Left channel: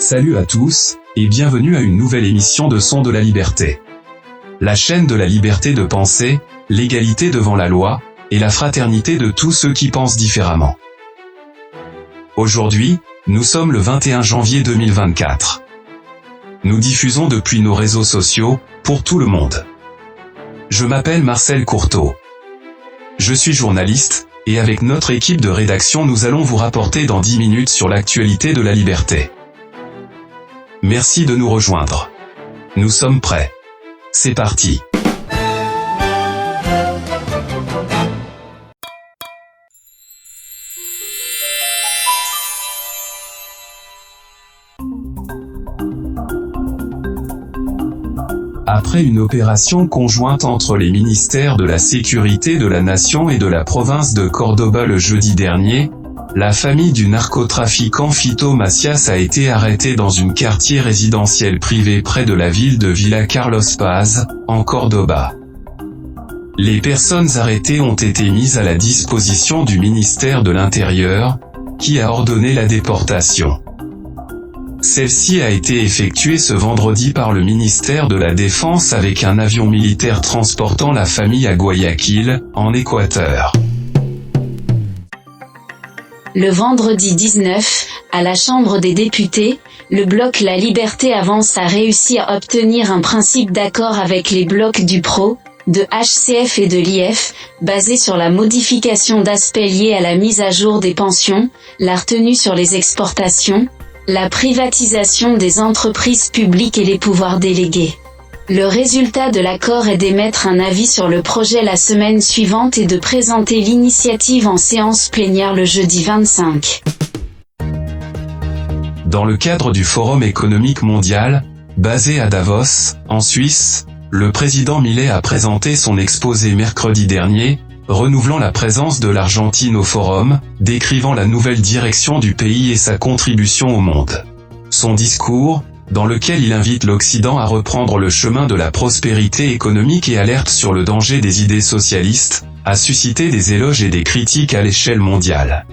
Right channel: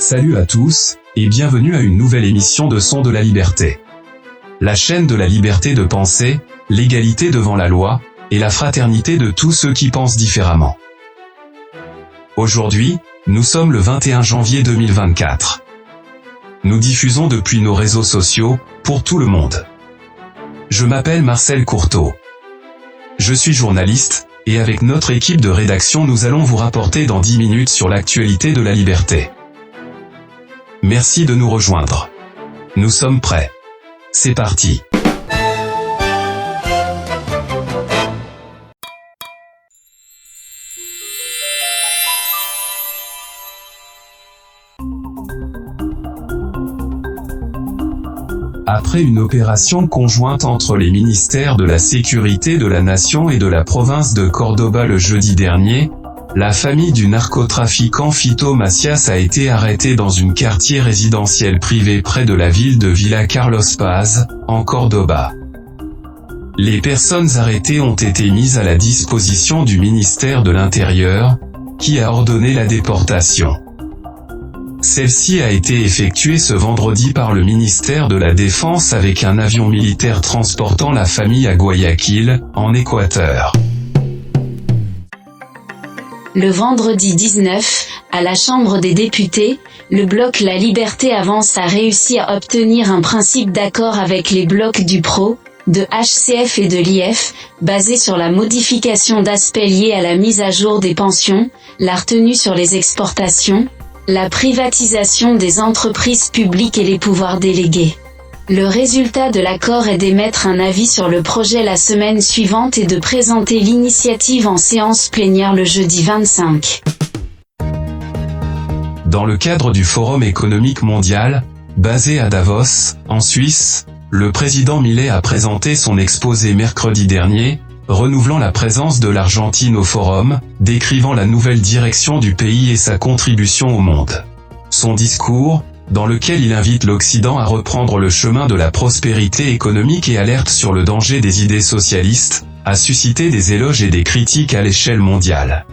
Salut à tous, et bienvenue à une nouvelle émission de Son de la Liberté. La chaîne de la liberté de penser, l'égalité devant la loi, et la fraternité de tous ceux qui pensent différemment. Aujourd'hui, nous sommes le 21 janvier 2024. Nous diffusons depuis nos réseaux sociaux, pour tout le monde. Je m'appelle Marcel Courteau. Je suis journaliste, et avec notre équipe de rédaction nous allons vous rapporter dans 10 minutes sur l'actualité de la liberté. Merci de nous rejoindre. Nous sommes prêts. C'est parti. Après une opération conjointe entre les ministères de la Sécurité de la Nation et de la province de Córdoba le jeudi dernier, la famille du narcotrafiquant Fito Macias a été arrêtée dans un quartier résidentiel privé près de la ville de Villa Carlos Paz, en Córdoba. Les personnes arrêtées ont été mises à la disposition du ministère de l'Intérieur, qui a ordonné la déportation. Celle-ci a été effectuée ce vendredi par le ministère de la Défense avec un avion militaire transportant la famille à Guayaquil, en Équateur. Le vendredi 19, à la Chambre des députés, le bloc La Liberté Avance a réussi à obtenir un principe d'accord avec les blocs du PRO, de HCF et de l'IF, basé sur la modification d'aspects liés à la mise à jour des pensions, la retenue sur les exportations, la privatisation des entreprises publiques et les pouvoirs délégués. Le résultat de l'accord est d'émettre un avis sur le projet la semaine suivante et de présenter l'initiative en séance plénière le jeudi 25. Dans le cadre du Forum économique mondial, basé à Davos, en Suisse, le président Milei a présenté son exposé mercredi dernier, renouvelant la présence de l'Argentine au forum, décrivant la nouvelle direction du pays et sa contribution au monde. Son discours, dans lequel il invite l'Occident à reprendre le chemin de la prospérité économique et alerte sur le danger des idées socialistes, a suscité des éloges et des critiques à l'échelle mondiale.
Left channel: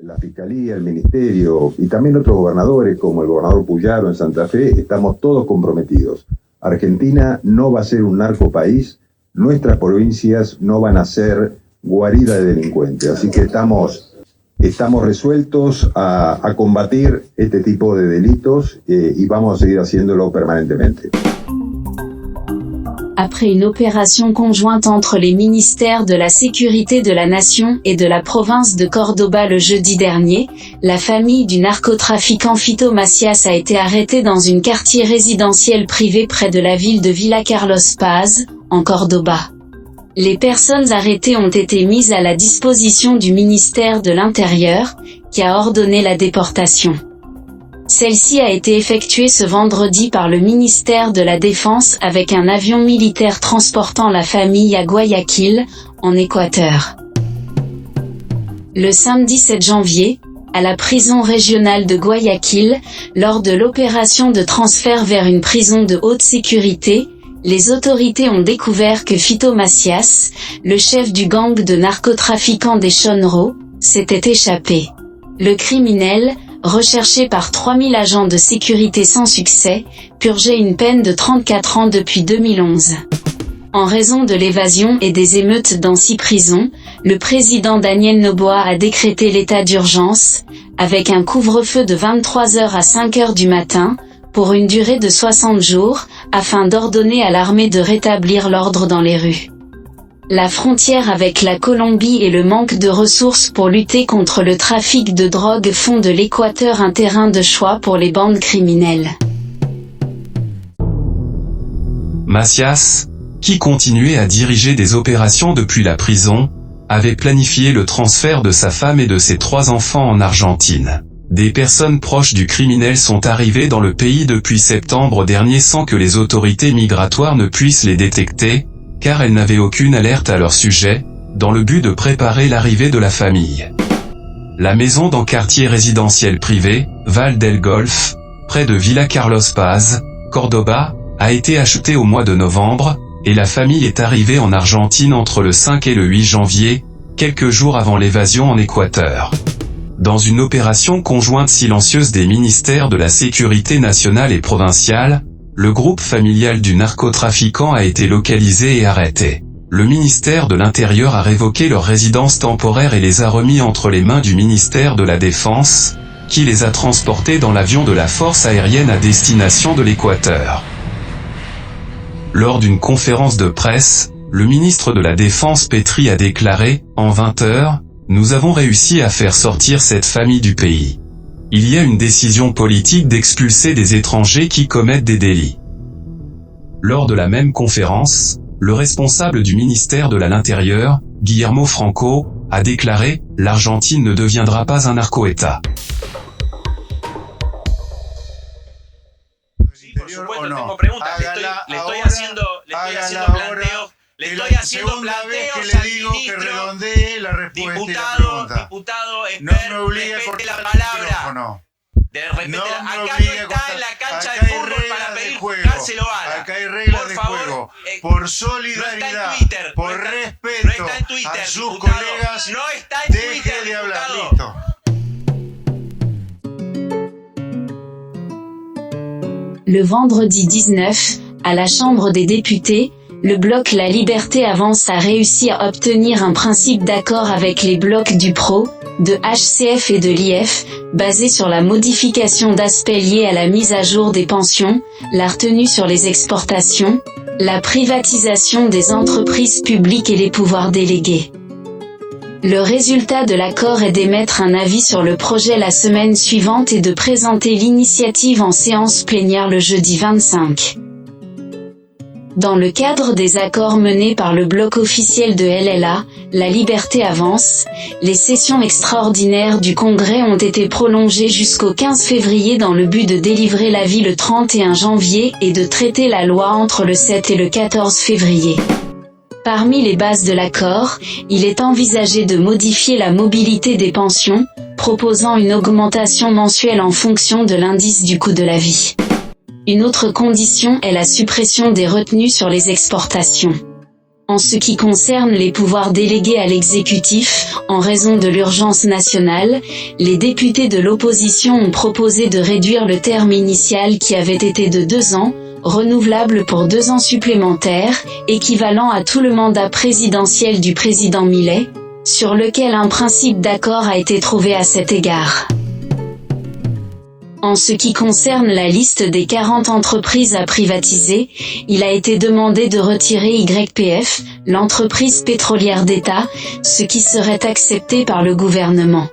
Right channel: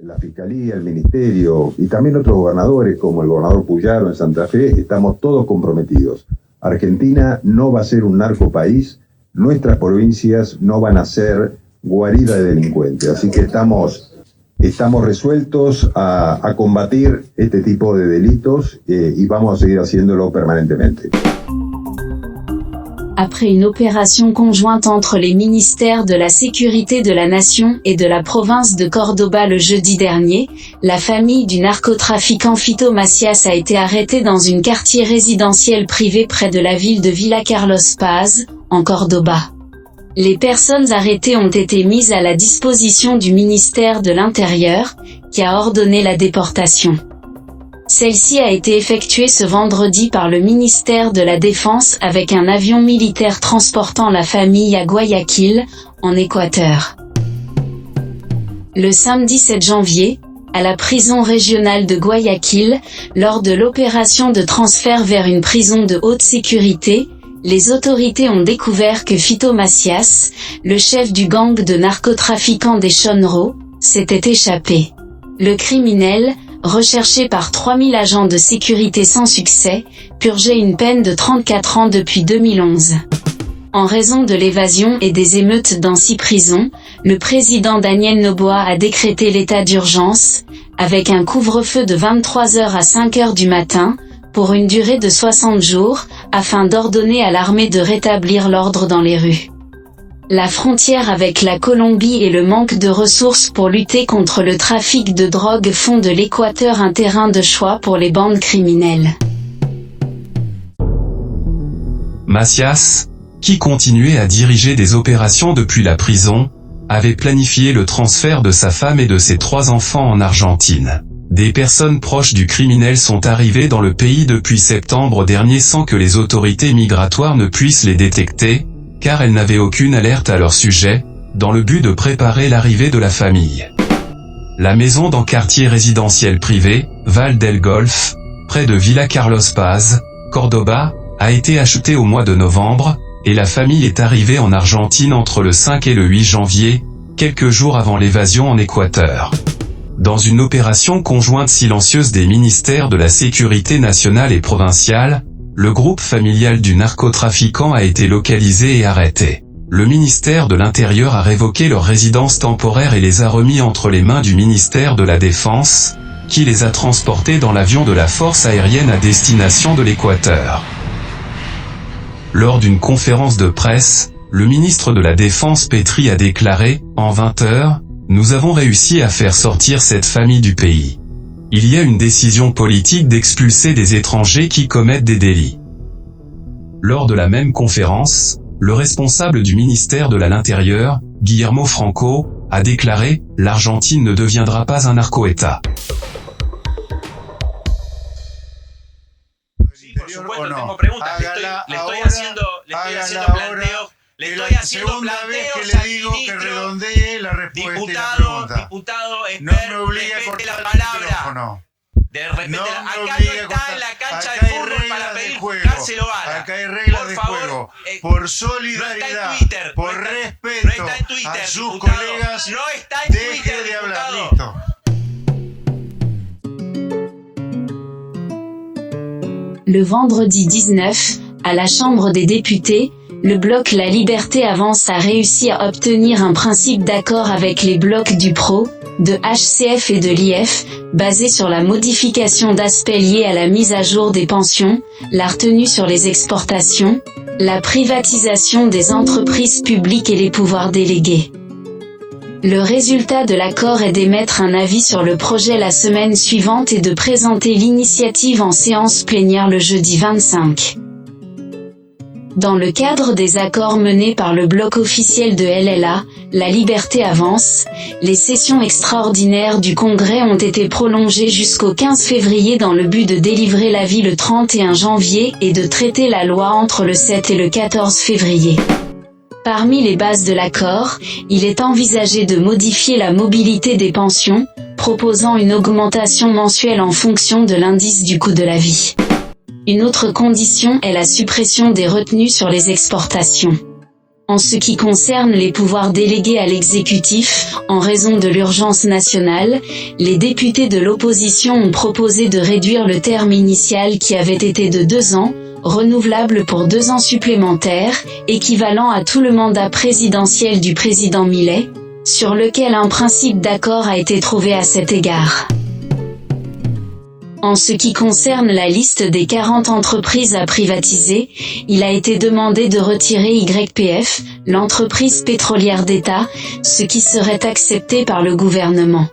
La Fiscalía, el Ministerio y también otros gobernadores como el gobernador Puyaro en Santa Fe, estamos todos comprometidos. Argentina no va a ser un narcopaís, nuestras provincias no van a ser guarida de delincuentes, así que estamos resueltos a combatir este tipo de delitos y vamos a seguir haciéndolo permanentemente. Après une opération conjointe entre les ministères de la Sécurité de la Nation et de la province de Córdoba le jeudi dernier, la famille du narcotrafiquant Fito Macias a été arrêtée dans un quartier résidentiel privé près de la ville de Villa Carlos Paz, en Córdoba. Les personnes arrêtées ont été mises à la disposition du ministère de l'Intérieur, qui a ordonné la déportation. Celle-ci a été effectuée ce vendredi par le ministère de la Défense avec un avion militaire transportant la famille à Guayaquil, en Équateur. Le samedi 7 janvier, à la prison régionale de Guayaquil, lors de l'opération de transfert vers une prison de haute sécurité, les autorités ont découvert que Fito Macias, le chef du gang de narcotrafiquants des Chonro, s'était échappé. Le criminel, recherché par 3000 agents de sécurité sans succès, purgeait une peine de 34 ans depuis 2011. En raison de l'évasion et des émeutes dans 6 prisons, le président Daniel Noboa a décrété l'état d'urgence, avec un couvre-feu de 23h à 5h du matin, pour une durée de 60 jours, afin d'ordonner à l'armée de rétablir l'ordre dans les rues. La frontière avec la Colombie et le manque de ressources pour lutter contre le trafic de drogue font de l'Équateur un terrain de choix pour les bandes criminelles. Macias, qui continuait à diriger des opérations depuis la prison, avait planifié le transfert de sa femme et de ses 3 enfants en Argentine. Des personnes proches du criminel sont arrivées dans le pays depuis septembre dernier sans que les autorités migratoires ne puissent les détecter, car elles n'avaient aucune alerte à leur sujet, dans le but de préparer l'arrivée de la famille. La maison dans quartier résidentiel privé, Val del Golf, près de Villa Carlos Paz, Córdoba, a été achetée au mois de novembre, et la famille est arrivée en Argentine entre le 5 et le 8 janvier, quelques jours avant l'évasion en Équateur. Dans une opération conjointe silencieuse des ministères de la Sécurité nationale et provinciale, le groupe familial du narcotrafiquant a été localisé et arrêté. Le ministère de l'Intérieur a révoqué leur résidence temporaire et les a remis entre les mains du ministère de la Défense, qui les a transportés dans l'avion de la force aérienne à destination de l'Équateur. Lors d'une conférence de presse, le ministre de la Défense Petri a déclaré, en 20 heures, « Nous avons réussi à faire sortir cette famille du pays. Il y a une décision politique d'expulser des étrangers qui commettent des délits. » Lors de la même conférence, le responsable du ministère de l'Intérieur, Guillermo Franco, a déclaré « L'Argentine ne deviendra pas un narco-État. » Por supuesto, tengo preguntas. Le estoy haciendo planteos. Le estoy haciendo planteos al ministro. Diputado, no me obligue a cortar la palabra. Acá no está en la cancha de fútbol para pedir cárcel o bala. Acá hay reglas de juego. Por solidaridad, por respeto a sus colegas, no está en deje Twitter, de hablar. diputado. Listo. Le vendredi 19, à la Chambre des députés, le bloc La Liberté Avance a réussi à obtenir un principe d'accord avec les blocs du PRO, de HCF et de l'IF, basé sur la modification d'aspects liés à la mise à jour des pensions, la retenue sur les exportations, la privatisation des entreprises publiques et les pouvoirs délégués. Le résultat de l'accord est d'émettre un avis sur le projet la semaine suivante et de présenter l'initiative en séance plénière le jeudi 25. Dans le cadre des accords menés par le bloc officiel de LLA, La Liberté Avance, les sessions extraordinaires du Congrès ont été prolongées jusqu'au 15 février dans le but de délivrer l'avis le 31 janvier et de traiter la loi entre le 7 et le 14 février. Parmi les bases de l'accord, il est envisagé de modifier la mobilité des pensions, proposant une augmentation mensuelle en fonction de l'indice du coût de la vie. Une autre condition est la suppression des retenues sur les exportations. En ce qui concerne les pouvoirs délégués à l'exécutif, en raison de l'urgence nationale, les députés de l'opposition ont proposé de réduire le terme initial qui avait été de 2 ans, renouvelable pour 2 ans supplémentaires, équivalent à tout le mandat présidentiel du président Milei, sur lequel un principe d'accord a été trouvé à cet égard. En ce qui concerne la liste des 40 entreprises à privatiser, il a été demandé de retirer YPF, l'entreprise pétrolière d'État, ce qui serait accepté par le gouvernement.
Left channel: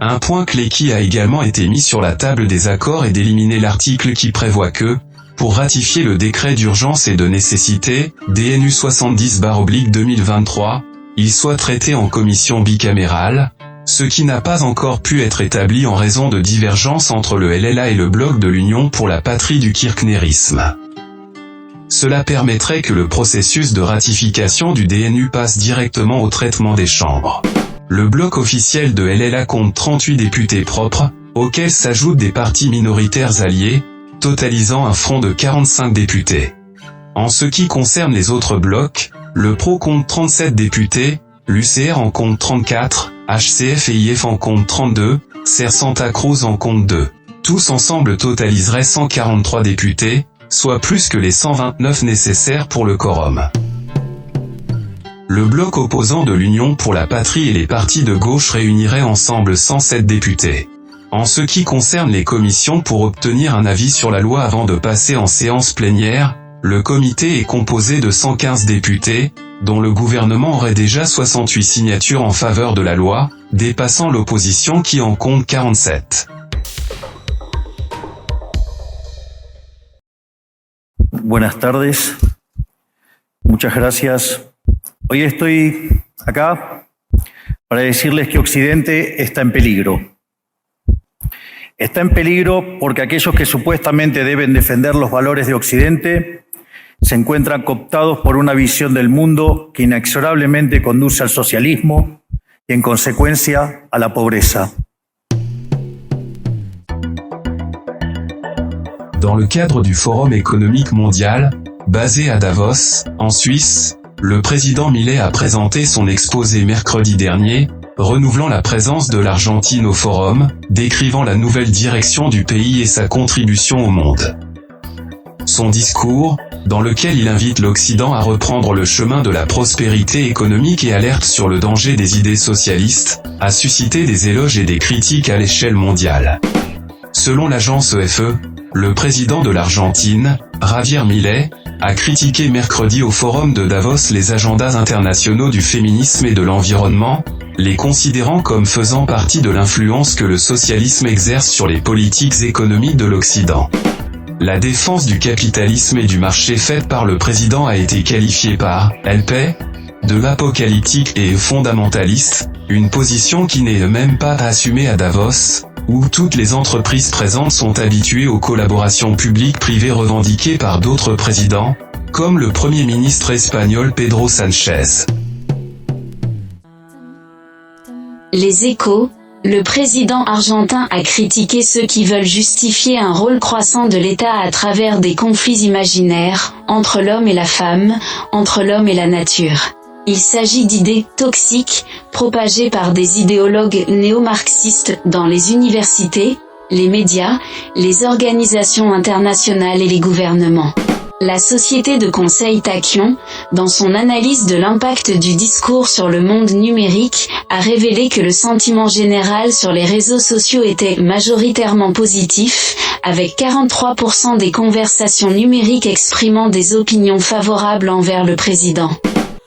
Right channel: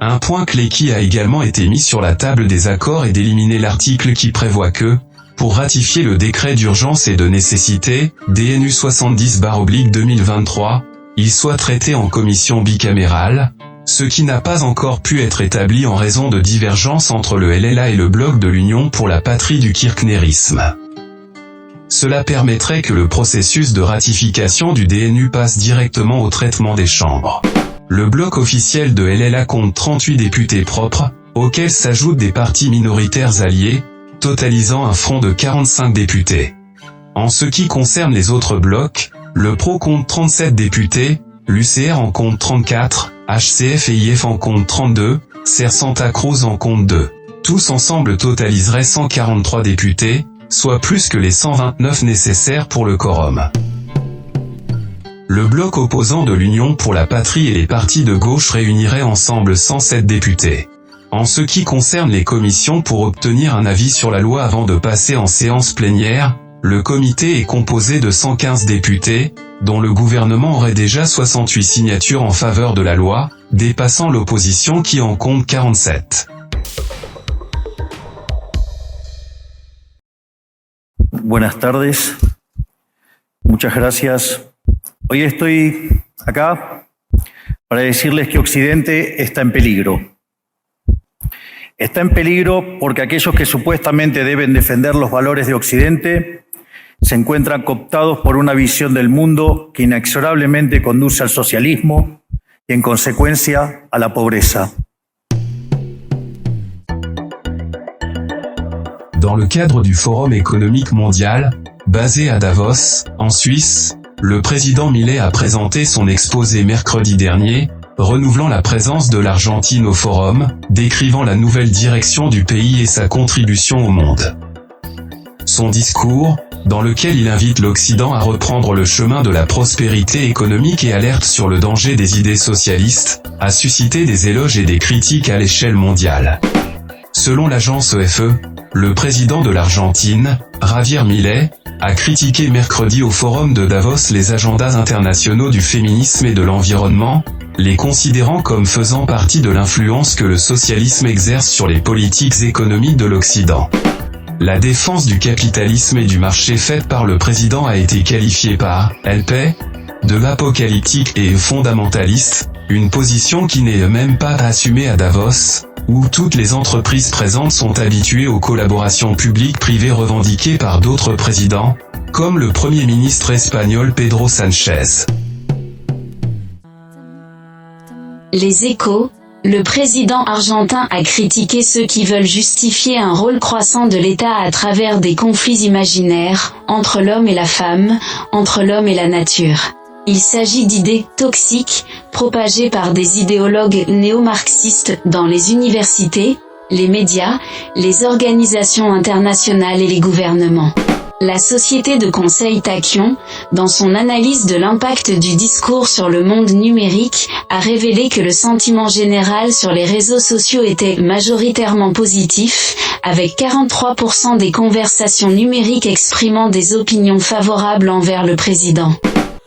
Un point clé qui a également été mis sur la table des accords est d'éliminer l'article qui prévoit que, pour ratifier le décret d'urgence et de nécessité, DNU 70/2023, il soit traité en commission bicamérale, ce qui n'a pas encore pu être établi en raison de divergences entre le LLA et le bloc de l'Union pour la patrie du kirchnerisme. Cela permettrait que le processus de ratification du DNU passe directement au traitement des chambres. Le bloc officiel de LLA compte 38 députés propres, auxquels s'ajoutent des partis minoritaires alliés, totalisant un front de 45 députés. En ce qui concerne les autres blocs, le PRO compte 37 députés, l'UCR en compte 34, HCF et IF en compte 32, Ser Santa Cruz en compte 2. Tous ensemble totaliseraient 143 députés, soit plus que les 129 nécessaires pour le quorum. Le bloc opposant de l'Union pour la patrie et les partis de gauche réuniraient ensemble 107 députés. En ce qui concerne les commissions pour obtenir un avis sur la loi avant de passer en séance plénière, le comité est composé de 115 députés, dont le gouvernement aurait déjà 68 signatures en faveur de la loi, dépassant l'opposition qui en compte 47. Buenas tardes. Muchas gracias. Hoy estoy acá para decirles que Occidente está en peligro. Está en peligro porque aquellos que supuestamente deben defender los valores de Occidente se encuentran cooptados por una visión del mundo que inexorablemente conduce al socialismo y, en consecuencia, a la pobreza. Dans le cadre du Forum économique mondial, basé à Davos, en Suisse, le président Milei a présenté son exposé mercredi dernier, renouvelant la présence de l'Argentine au forum, décrivant la nouvelle direction du pays et sa contribution au monde. Son discours, dans lequel il invite l'Occident à reprendre le chemin de la prospérité économique et alerte sur le danger des idées socialistes, a suscité des éloges et des critiques à l'échelle mondiale. Selon l'agence EFE, le président de l'Argentine, Javier Milei, a critiqué mercredi au forum de Davos les agendas internationaux du féminisme et de l'environnement, les considérant comme faisant partie de l'influence que le socialisme exerce sur les politiques économiques de l'Occident. La défense du capitalisme et du marché faite par le président a été qualifiée par LP de apocalyptique et fondamentaliste, une position qui n'est même pas assumée à Davos, où toutes les entreprises présentes sont habituées aux collaborations publiques-privées revendiquées par d'autres présidents, comme le Premier ministre espagnol Pedro Sánchez. Les Échos. Le président argentin a critiqué ceux qui veulent justifier un rôle croissant de l'État à travers des conflits imaginaires, entre l'homme et la femme, entre l'homme et la nature. Il s'agit d'idées toxiques, propagées par des idéologues néo-marxistes dans les universités, les médias, les organisations internationales et les gouvernements. La société de conseil Tachyon, dans son analyse de l'impact du discours sur le monde numérique, a révélé que le sentiment général sur les réseaux sociaux était majoritairement positif, avec 43% des conversations numériques exprimant des opinions favorables envers le président.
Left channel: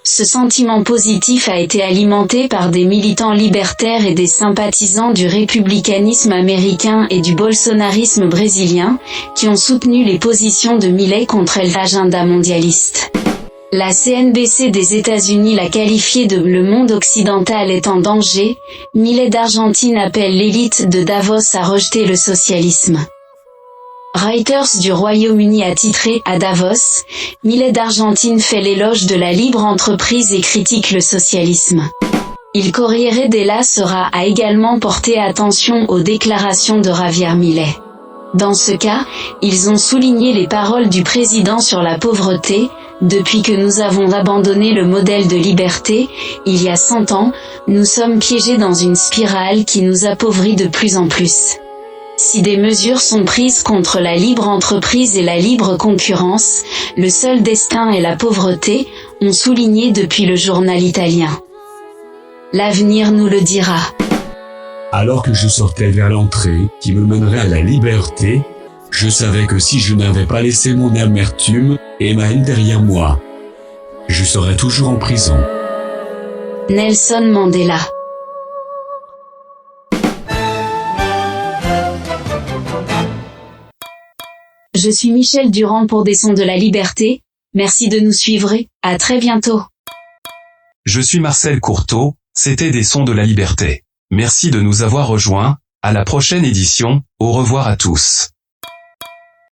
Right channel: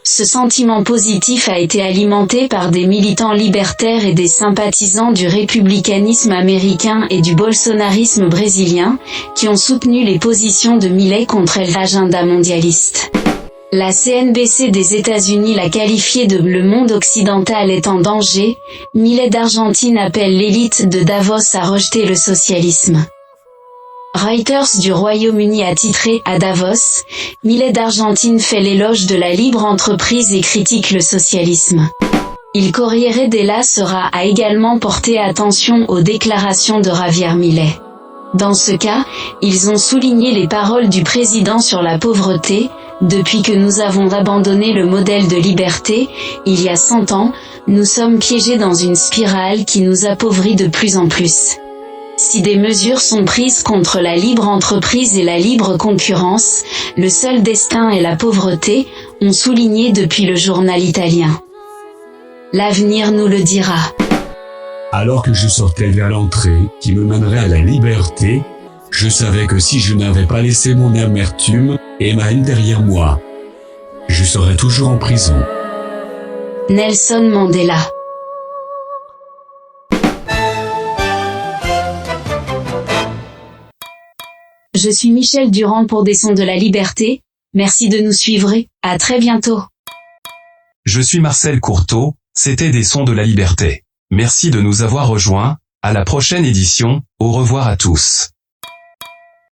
Ce sentiment positif a été alimenté par des militants libertaires et des sympathisants du républicanisme américain et du bolsonarisme brésilien, qui ont soutenu les positions de Milei contre l'agenda mondialiste. La CNBC des États-Unis l'a qualifié de « le monde occidental est en danger », Milei d'Argentine appelle l'élite de Davos à rejeter le socialisme. Reuters du Royaume-Uni a titré « À Davos, Milei d'Argentine fait l'éloge de la libre entreprise et critique le socialisme ». Il Corriere della Sera a également porté attention aux déclarations de Javier Milei. Dans ce cas, ils ont souligné les paroles du président sur la pauvreté. Depuis que nous avons abandonné le modèle de liberté, il y a 100 ans, nous sommes piégés dans une spirale qui nous appauvrit de plus en plus. Si des mesures sont prises contre la libre entreprise et la libre concurrence, le seul destin est la pauvreté, ont souligné depuis le journal italien. L'avenir nous le dira. Alors que je sortais vers l'entrée, qui me mènerait à la liberté, je savais que si je n'avais pas laissé mon amertume et ma haine derrière moi, je serais toujours en prison. Nelson Mandela. Je suis Michel Durand pour des Sons de la Liberté. Merci de nous suivre et à très bientôt. Je suis Marcel Courteau, c'était des Sons de la Liberté. Merci de nous avoir rejoints, à la prochaine édition, au revoir à tous.